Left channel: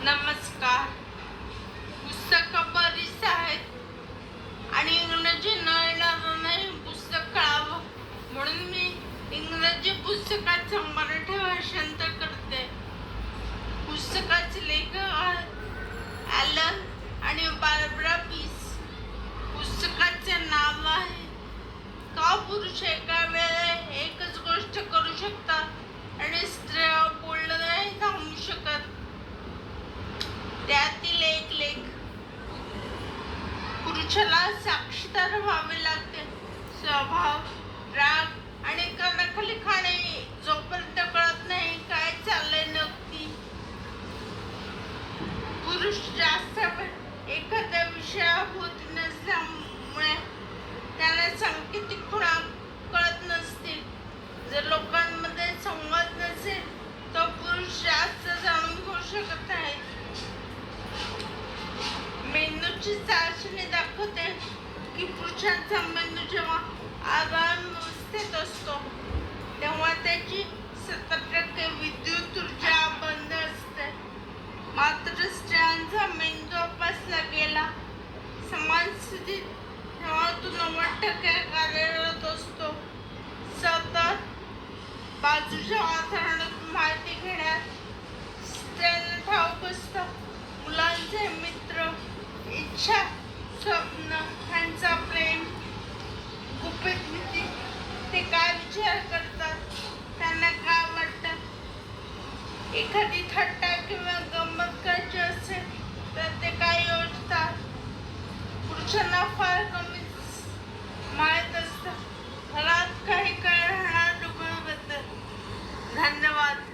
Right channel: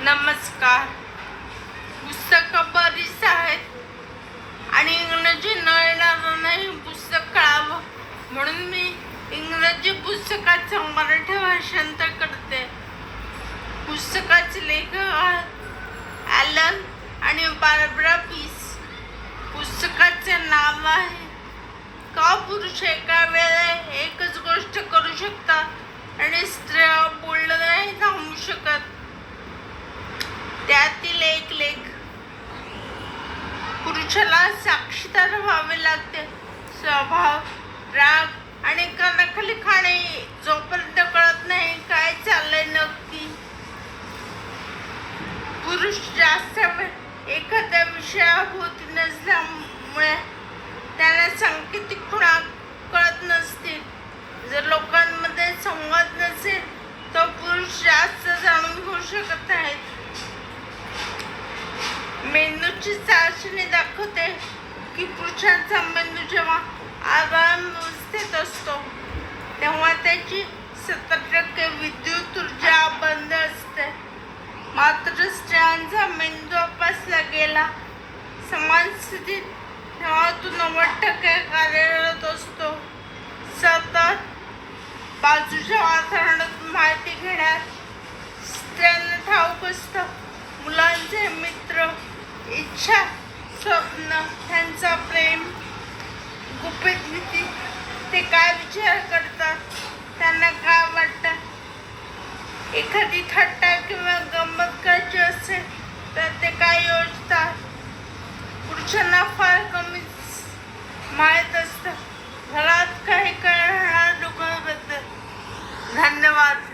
नमस्कार. पुस्तकं बरीच आहेत आणि इंग्रजी न येणाऱ्यांनाही पुस्तक कळावं म्हणून मी इंग्रजी पुस्तकाचं मराठी भाषांतर करते. पुस्तकाचे लेखक आहेत ॲलन आणि बार्बरा पीस. पुस्तकाचे नाव आहे का पुरुष एका वेळेला एकच गोष्ट करू शकतात आणि स्त्रिया बोलणं नाही थांबू शकत. त्यातील एक लेख. पुरुषाला साक्षीदार व्हावे लागते. स्वभाव, राग आणि कानाखाली खाणे जोपर्यंत कळत नाही काय चाललंय नक्की. पुरुष जास्त वेळ एखाद्या विषयाभोवती नसल्यामुळे त्याला सांकेतिक खुणा कळत नसतील. जर लोकांमध्ये संवाद नसेल तर पुरुष जास्त जाणून घेऊ शकत नाहीत. मेंदूची चाचणी दाखवते की पुरुषांचा मेंदू जेव्हा आरामावस्थेत असतो तेव्हा त्याची 70% विद्युत ऊर्जा बंद असते. मात्र स्त्रियांचा मेंदू तपासला गेला समान स्थितीत तेव्हा तो 90% कार्यरत असतो. सतत बाजूच्या वातावरणात माहिती घेण्यात स्त्रियांना ठाऊक असतं. मुलांचे मित्र, इच्छा, स्वप्न, त्यांचा प्रेम, गुपित नीती, ते काय विचार करतात, त्यांना काय वाटतं. एखादी थट्टा किंवा गंमत करायची असेल तर ते काय योजतात. पुरुषांना फार कमी माहीत असतं घरात काही काय राहणार लोकांबद्दल. धन्यवाद.